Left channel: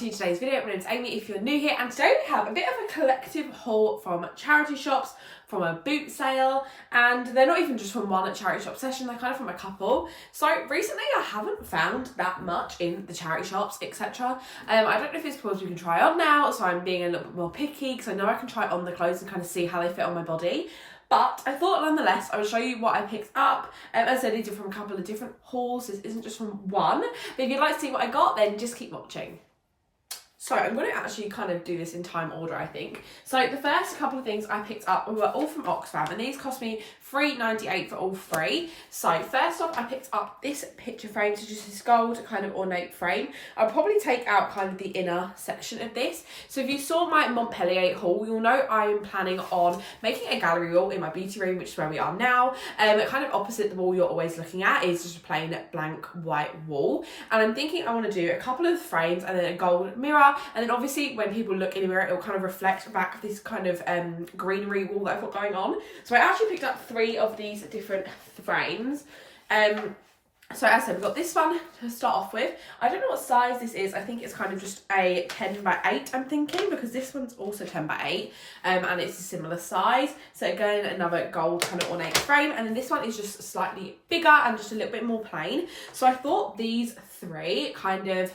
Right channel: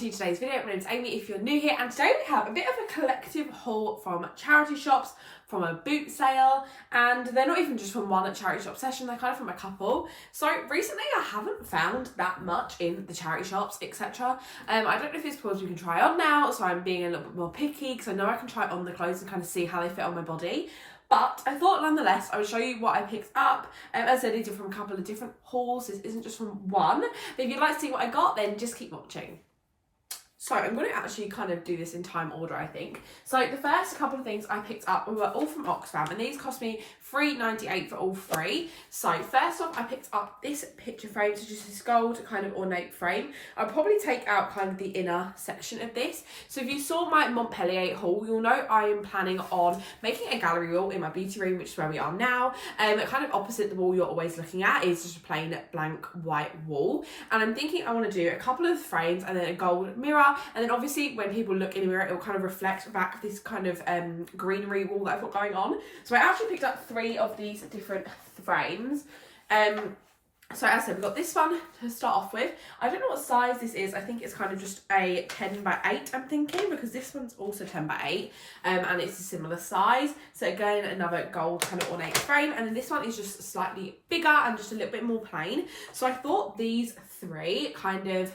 to today's video. My name's Amy if you're new here, and today we have a bit of a collective haul from charity shops, from a boot sale, and they're not even just from one charity shop session, they're kind of from a couple. So recently I haven't found that much in the charity shops, etc. I don't know if it's because we can try on now, so I'm being a little bit more picky because I know I can try on the clothes and kind of see how they fit on my body. But I thought nonetheless I would show you what I picked up. As I said, these are from a couple of different hauls. This isn't just from one. But if you'd like to see what I got, then just keep watching. So I'm going to actually kind of do this in time order, I think. So the first couple of things I picked up were all from Oxfam, and these cost me $3.98 for all three. So first off, I picked up this picture frame, so just this gold kind of ornate frame. I'll probably take out kind of the inner section of this. So if you saw my Montpellier haul, you'll know I'm planning on making a gallery wall in my beauty room, which is where we are now. Kind of opposite the wall you're always looking at is just a plain blank white wall. And I'm thinking I want to do a couple of frames and then a gold mirror. And then obviously when people look in a mirror, it'll kind of reflect back this kind of greenery wall that I've got going on. So I actually picked up 3 of these different frames. So as I said, we've got this one to start off with. I don't know what size this is. I think it's kind of just a 10 by 8, I'm thinking, because this one's also 10 by 8, and it's a similar size. So again, another gold kind of ornate frame. And then this one is just slightly bigger and just a little bit more plain. So I thought these 3 kind of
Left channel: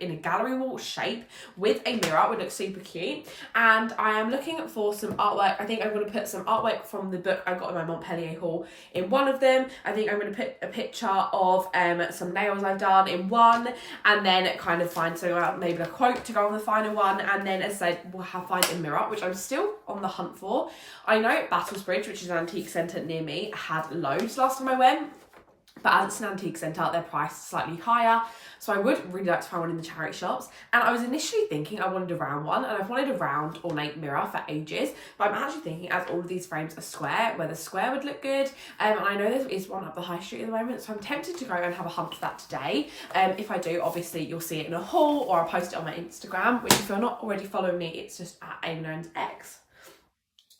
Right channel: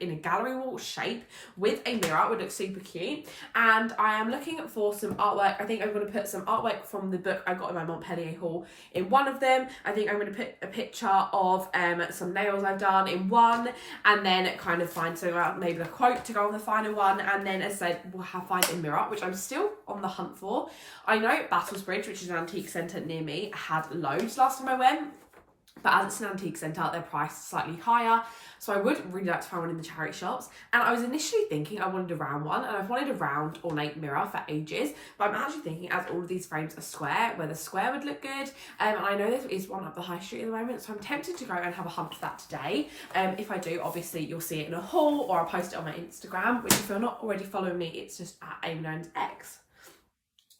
in a gallery wall shape with a mirror would look super cute. And I am looking for some artwork. I think I'm going to put some artwork from the book I got in my Montpellier haul in one of them. I think I'm going to put a picture of some nails I've done in one, and then kind of find something out, maybe a quote to go on the final one. And then as I said, we'll find a mirror, which I'm still on the hunt for. I know Battlesbridge, which is an antique centre near me, had loads last time I went. But as it's an antique centre, their price is slightly higher. So I would really like to find one in the charity shops. And I was initially thinking I wanted a round one, and I've wanted a round ornate mirror for ages. But I'm actually thinking, as all of these frames are square, where the square would look good. And I know there is one up the high street at the moment, so I'm tempted to go and have a hunt for that today. If I do, obviously you'll see it in a haul, or I'll post it on my Instagram, which if you're not already following me, it's just at AmyKnownsX.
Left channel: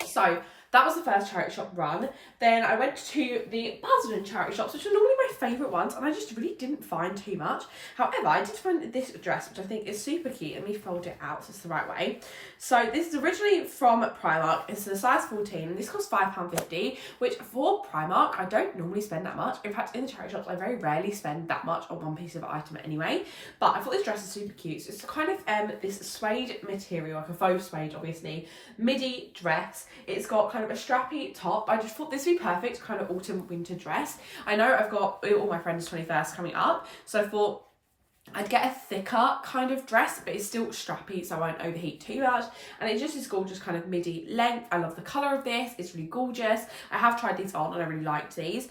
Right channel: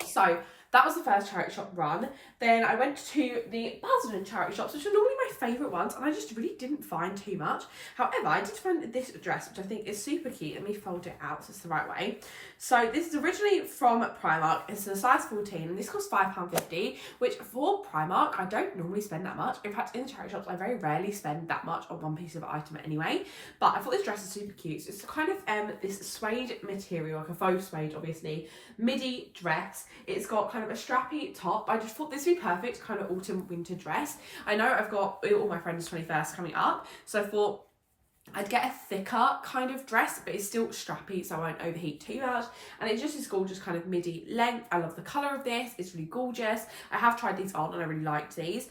So that was the first charity shop run. Then I went to the Basildon charity shops, which are normally my favourite ones, and I just really didn't find too much. However, I did find this dress, which I think is super cute. Let me fold it out so it's the right way. So this is originally from Primark. It's a size 14, and this costs £5.50, which for Primark, I don't normally spend that much. In fact, in the charity shops, I very rarely spend that much on one piece of item anyway. But I thought this dress is super cute. So it's kind of this suede material, like a faux suede, obviously, midi dress. It's got kind of a strappy top. I just thought this would be perfect kind of autumn winter dress. I know I've got all my friends' 21st coming up, so I thought I'd get a thicker kind of dress, but it's still strappy, so I won't overheat too much. And it's just this gorgeous kind of midi length. I love the colour of this. It's really gorgeous. I have tried these on and I really liked these.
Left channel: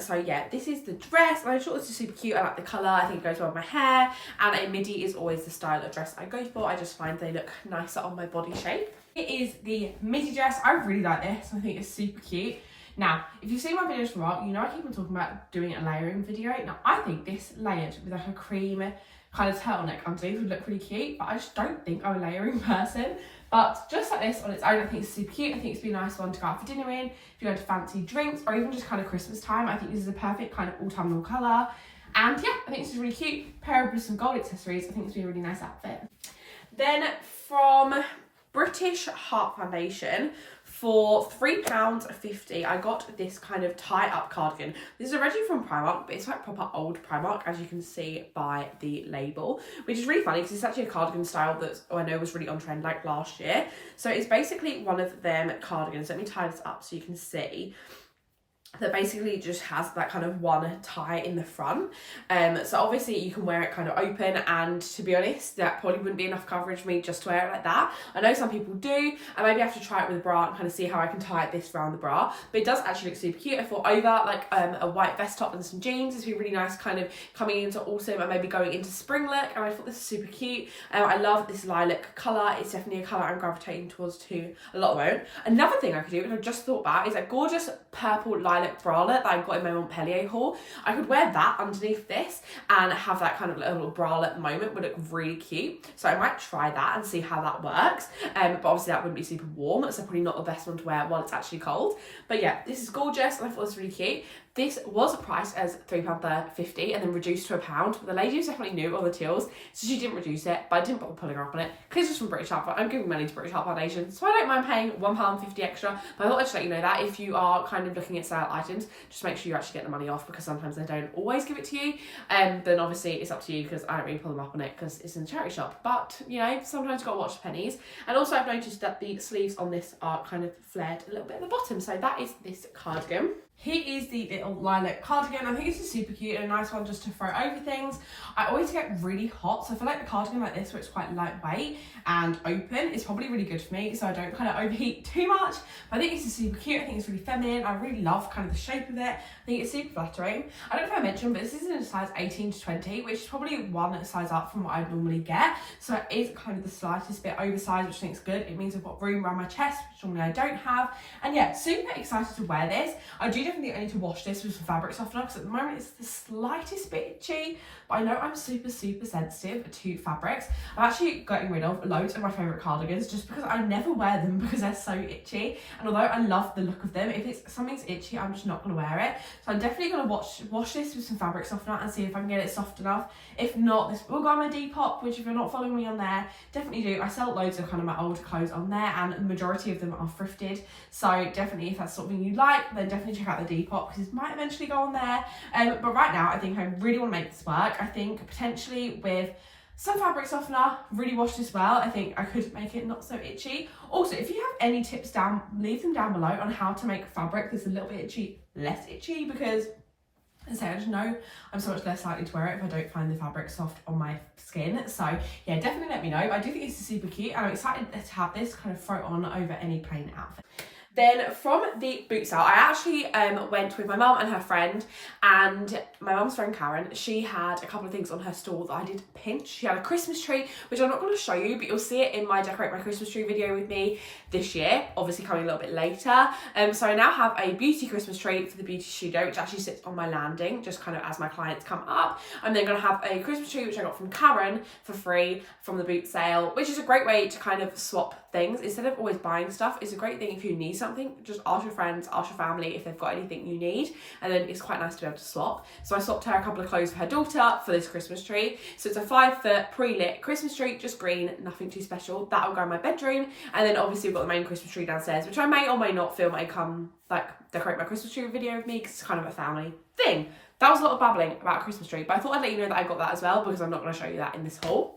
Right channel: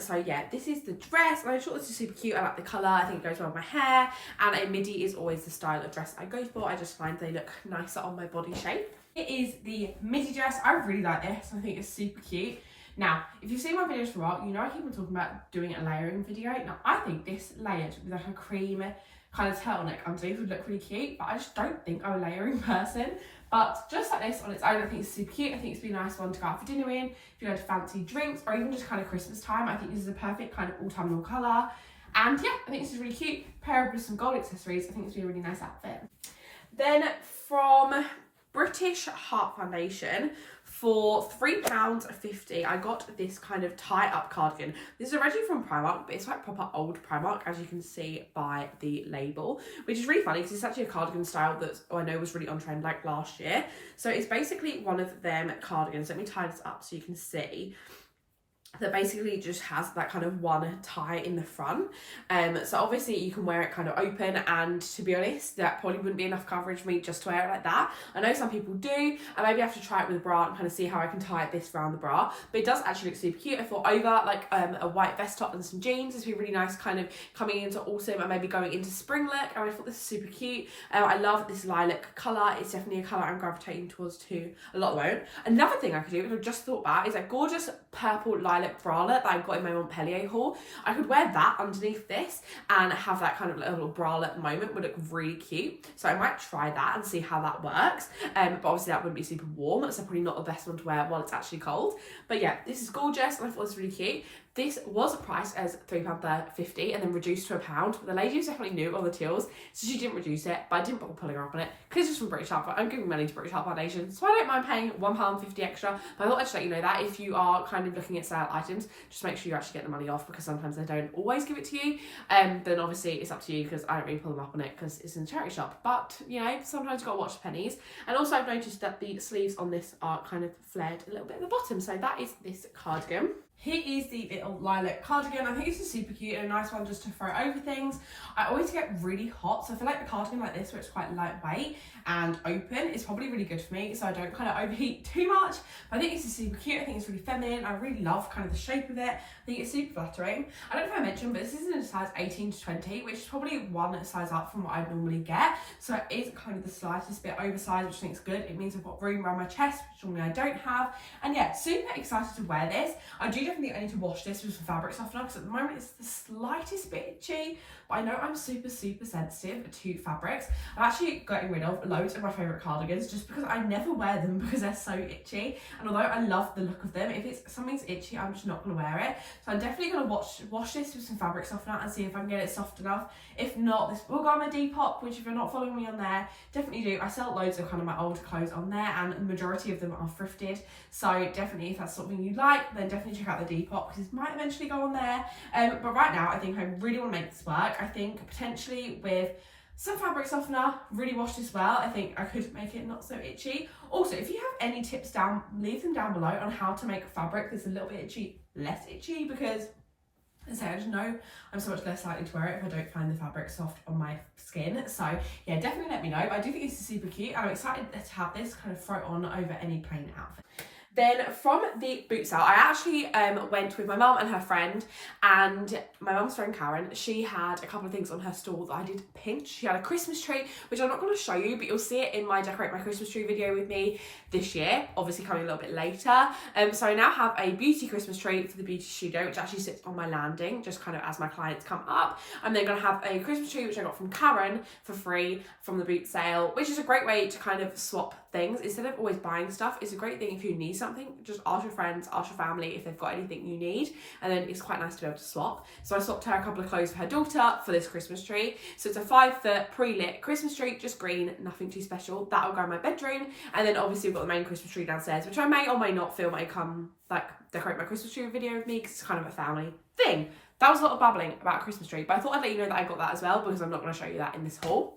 So yeah, this is the dress. And I thought this is super cute. I like the colour. I think it goes well with my hair. And a midi is always the style of dress I go for. I just find they look nicer on my body shape. It is the midi dress. I really like this. I think it's super cute. Now, if you've seen my videos for a while, you know I keep on talking about doing a layering video. Now, I think this layered with like a cream kind of turtleneck underneath would look really cute, but I just don't think I'm a layering person. But just like this on its own, I think it's super cute. I think it's be a nice one to go out for dinner in, if you're going to fancy drinks, or even just kind of Christmas time. I think this is a perfect kind of autumnal colour. And yeah, I think this is really cute. Pair up with some gold accessories. I think it's be a really nice outfit. Then from British Heart Foundation, for £3.50, I got this kind of tie-up cardigan. This is originally from Primark, but it's like proper old Primark, as you can see by the label, which is really funny because it's actually a cardigan style that I know was really on trend like last year. So it's basically one of them cardigans. Let me tie this up so you can see. That basically just has that kind of one tie in the front. So obviously you can wear it kind of open, and to be honest, that probably wouldn't be enough coverage for me just to wear it like that. I know some people do, and maybe I have to try it with a bra and kind of see how I can tie this around the bra. But it does actually look super cute. I thought over like a white vest top and some jeans, this would be really nice kind of coming into autumn and maybe going into spring look. And I thought this is super cute. I love this lilac colour. It's definitely a colour I'm gravitating towards too a lot at the moment. Another thing I could do, which I just thought about, is that gorgeous purple lilac bralette that I got in my Montpellier haul. I could wear that underneath this and have that kind of little bralette moment. Would look really cute. So I might try that and see how that works. But obviously that wouldn't be super warm, so probably not the best one to wear while it's actually cold. But yeah, this is gorgeous and I thought it was really cute. this was priced as £3.50 and then reduced to £1, but the lady was definitely new on the tills, so she didn't reduce it, but I didn't bother pulling her up on it because it's just from British Heart. I'm giving money to British Heart Foundation, so I don't mind paying £1.50 extra, but I thought I'd just let you know that if you are kind of looking at sale items, just make sure you actually get the money off, because sometimes they don't always give it to you, then obviously it's up to you, because I don't really pull them up on it because it's in the charity shop, but you know, sometimes you've got to watch the pennies. And also I've noticed that the sleeves on this are kind of flared a little bit at the bottom, so that is this cardigan. Here is the little lilac cardigan. I think it's just super cute and a nice one just to throw over things. I always get really hot, so I feel like the cardigan like this, where it's quite lightweight and open, is probably really good for me, so I don't kind of overheat too much. But I think it's just super cute. I think it's really feminine. I really love kind of the shape of it. I think it's super flattering. I don't know if I mentioned, but this is in a size 18 to 20, which is probably one size up from what I normally get. So it is kind of the slightest bit oversized, which I think is good. It means I've got room around my chest, which normally I don't have. And yeah, super excited to wear this. I do definitely need to wash this with some fabric softener, because at the moment it's the slightest bit itchy, but I know I'm super sensitive to fabrics. I'm actually getting rid of loads of my favourite cardigans just because I never wear them because they're so itchy, and although I love the look of them, if it's something's itchy, I'm just not going to wear it. So I'm definitely going to wash this with some fabric softener and see if I can get it soft enough. If not, this will go on my Depop, which if you're not following me on there, definitely do. I sell loads of kind of my old clothes on there, and the majority of them are thrifted, so definitely if that's something you like, then definitely check out the Depop, because it might eventually go on there. But right now I think I really want to make this work. I think potentially with some fabric softener, really wash this well, I think I could make it not so itchy. Also, if you have any tips down, leave them down below on how to make fabric that's a little bit itchy less itchy, because as I say, I just know I'm so much less likely to wear it if I don't find the fabric soft on my skin. So yeah, definitely let me know. But I do think it's super cute, and I'm excited to have this kind of throw on over any plain outfit. Then from the Bootsale, I actually went with my mum and her friend, and my mum's friend Karen, she had a couple of things on her stall that I did pinch. She had a Christmas tree, which I'm not going to show you, but you'll see it in my Decorate My Christmas Tree video with me this year, obviously coming a little bit later. So I now have a beauty Christmas tree for the beauty studio, which actually sits on my landing, just kind of as my clients come up. I'm then going to have a Christmas tree, which I got from Karen for free from the Bootsale, which is a great way to kind of swap things instead of always buying stuff. It's a great thing if you need something, just ask your friends, ask your family if they've got anything you need, and then it's quite nice to be able to swap. So I swapped her a couple of clothes for her daughter for this Christmas tree. So it's a 5-foot pre-lit Christmas tree, just green, nothing too special. That'll go in my bedroom, and then obviously we've got the main Christmas tree downstairs, which I may or may not film like Decorate My Christmas Tree video with me, because it's kind of a family thing. That was a lot of babbling about a Christmas tree, but I thought I'd let you know that I got that as well, because I'm not going to show you that in this haul.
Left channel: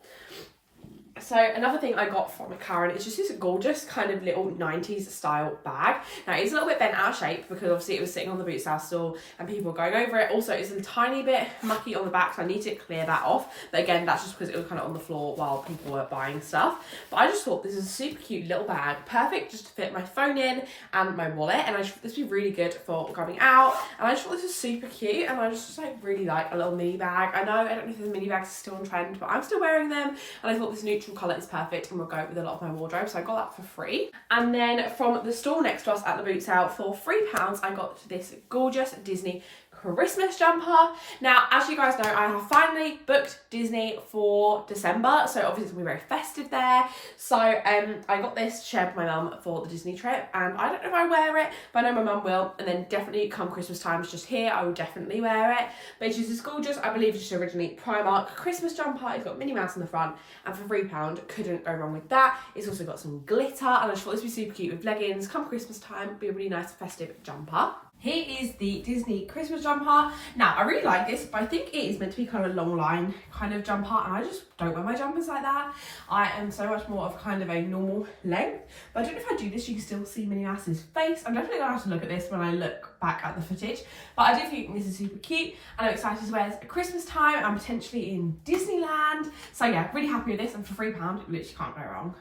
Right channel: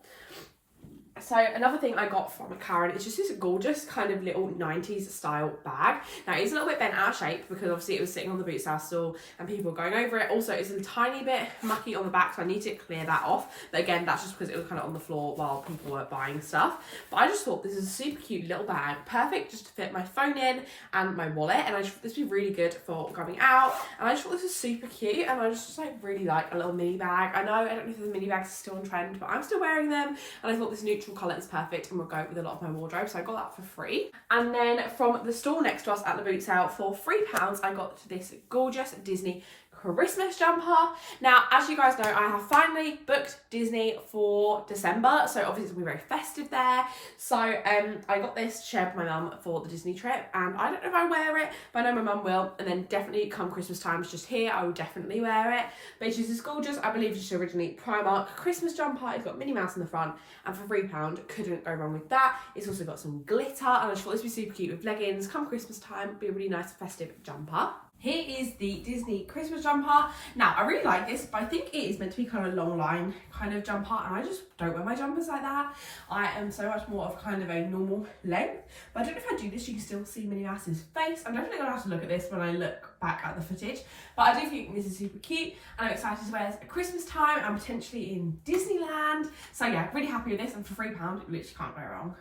So another thing I got from Karen is just this gorgeous kind of little 90s style bag. Now it's a little bit bent out of shape because obviously it was sitting on the Bootsale stall and people were going over it. Also it's a tiny bit mucky on the back, so I need to clear that off. But again, that's just because it was kind of on the floor while people were buying stuff. But I just thought this is a super cute little bag, perfect just to fit my phone in and my wallet. And I just thought this would be really good for going out. And I just thought this was super cute, and I just like really like a little mini bag. I know, I don't know if the mini bags are still on trend, but I'm still wearing them. And I thought this neutral colour is perfect and will go with a lot of my wardrobe, so I got that for free. And then from the store next to us at the Bootsale for £3, I got this gorgeous Disney Christmas jumper. Now, as you guys know, I have finally booked Disney for December, so obviously it's going to be very festive there. So I got this shared with my mum for the Disney trip, and I don't know if I wear it, but I know my mum will. And then definitely come Christmas time, it's just here, I will definitely wear it. But it's just this gorgeous, I believe it's just originally Primark Christmas jumper. It's got Minnie Mouse in the front, and for £3 couldn't go wrong with that. It's also got some glitter, and I just thought this would be super cute with leggings. Come Christmas time, be a really nice festive jumper. Here is the Disney Christmas jumper. Now, I really like this, but I think it is meant to be kind of a long line kind of jumper, and I just don't wear my jumpers like that. I am so much more of kind of a normal length, but I don't know if I do this, you can still see Minnie Mouse's face. I'm definitely going to have to look at this when I look back at the footage, but I do think this is super cute, and I'm excited to wear this at Christmas time and potentially in Disneyland. So yeah, really happy with this, and for £3, it literally can't go wrong.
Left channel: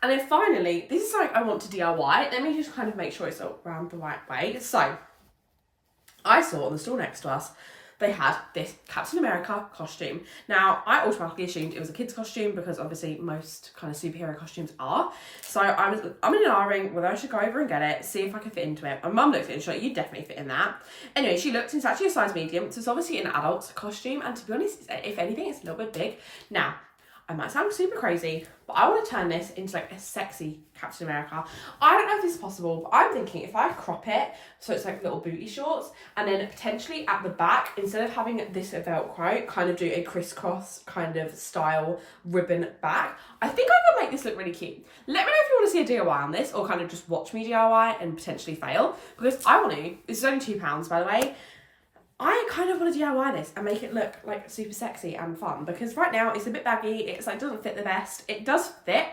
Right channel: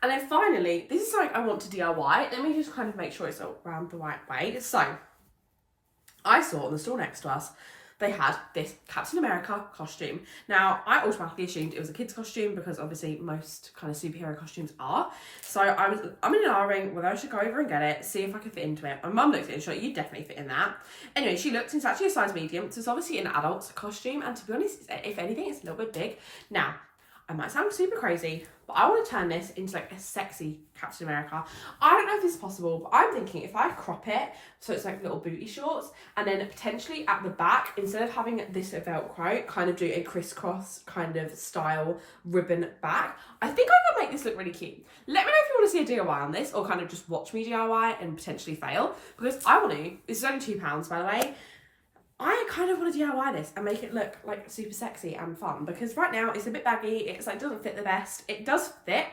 And then finally, this is something I want to DIY. Let me just kind of make sure it's around the right way. So, I saw on the store next to us, they had this Captain America costume. Now, I automatically assumed it was a kid's costume because obviously most kind of superhero costumes are. So I'm in an R-ring whether I should go over and get it, see if I could fit into it. My mum looked at it and she's like, you definitely fit in that. Anyway, she looked, and it's actually a size medium, so it's obviously an adult costume, and to be honest, if anything, it's a little bit big. Now, I might sound super crazy, but I want to turn this into like a sexy Captain America. I don't know if this is possible, but I'm thinking if I crop it so it's like little booty shorts, and then potentially at the back, instead of having this Velcro, kind of do a crisscross kind of style ribbon back. I think I can make this look really cute. Let me know if you want to see a DIY on this, or kind of just watch me DIY and potentially fail, because I want to. This is only £2, by the way. I kind of want to DIY this and make it look like super sexy and fun, because right now it's a bit baggy, it's like doesn't fit the best. It does fit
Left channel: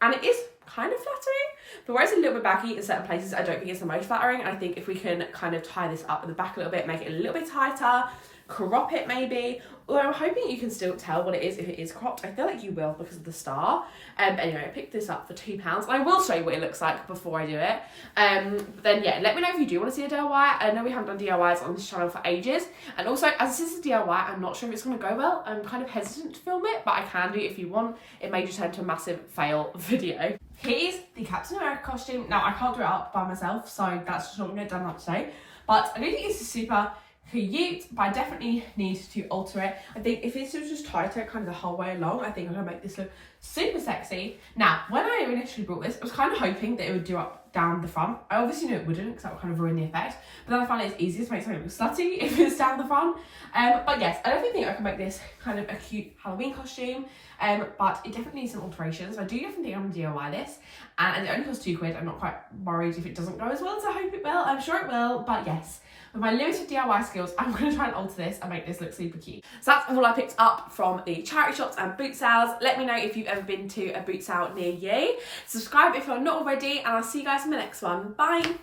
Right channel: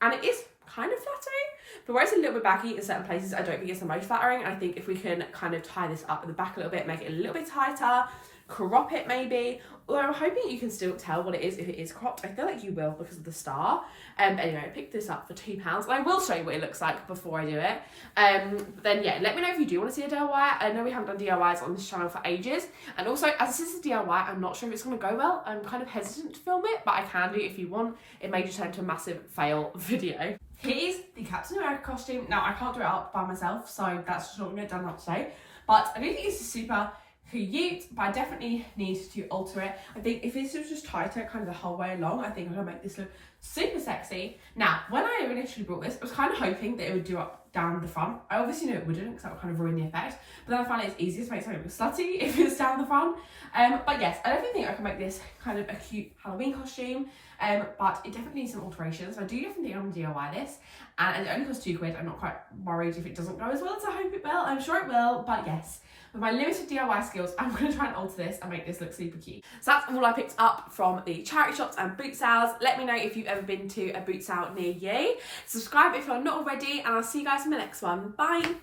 and it is kind of flattering, but where it's a little bit baggy in certain places, I don't think it's the most flattering. I think if we can kind of tie this up at the back a little bit, make it a little bit tighter, crop it maybe, although I'm hoping you can still tell what it is if it is cropped. I feel like you will because of the star. Anyway, I picked this up for £2 and I will show you what it looks like before I do it. But then yeah, let me know if you do want to see a DIY. I know we haven't done DIYs on this channel for ages, and also as this is a DIY, I'm not sure if it's going to go well. I'm kind of hesitant to film it, but I can do it if you want. It may just turn into a massive fail video. Here's the Captain America costume. Now I can't do it up by myself, so that's just not going to get done up today, but I do think this is super cute, but I definitely need to alter it. I think if this was just tighter kind of the whole way along, I think I'm gonna make this look super sexy. Now, when I initially brought this, I was kind of hoping that it would do up down the front. I obviously knew it wouldn't, because that would kind of ruin the effect, but then I found it's easier to make something look slutty if it's down the front. But yes, I definitely think I can make this kind of a cute Halloween costume, but it definitely needs some alterations. I do definitely think I'm gonna DIY this, and it only costs £2. I'm not quite worried if it doesn't go as well as I hope it will. I'm sure it will, but yes, with my limited DIY skills, I'm going to try and alter this and make this look super cute. So that's all I picked up from the charity shops and boot sales. Let me know if you've ever been to a boot sale near you. Subscribe if you're not already, and I'll see you guys in the next one. Bye!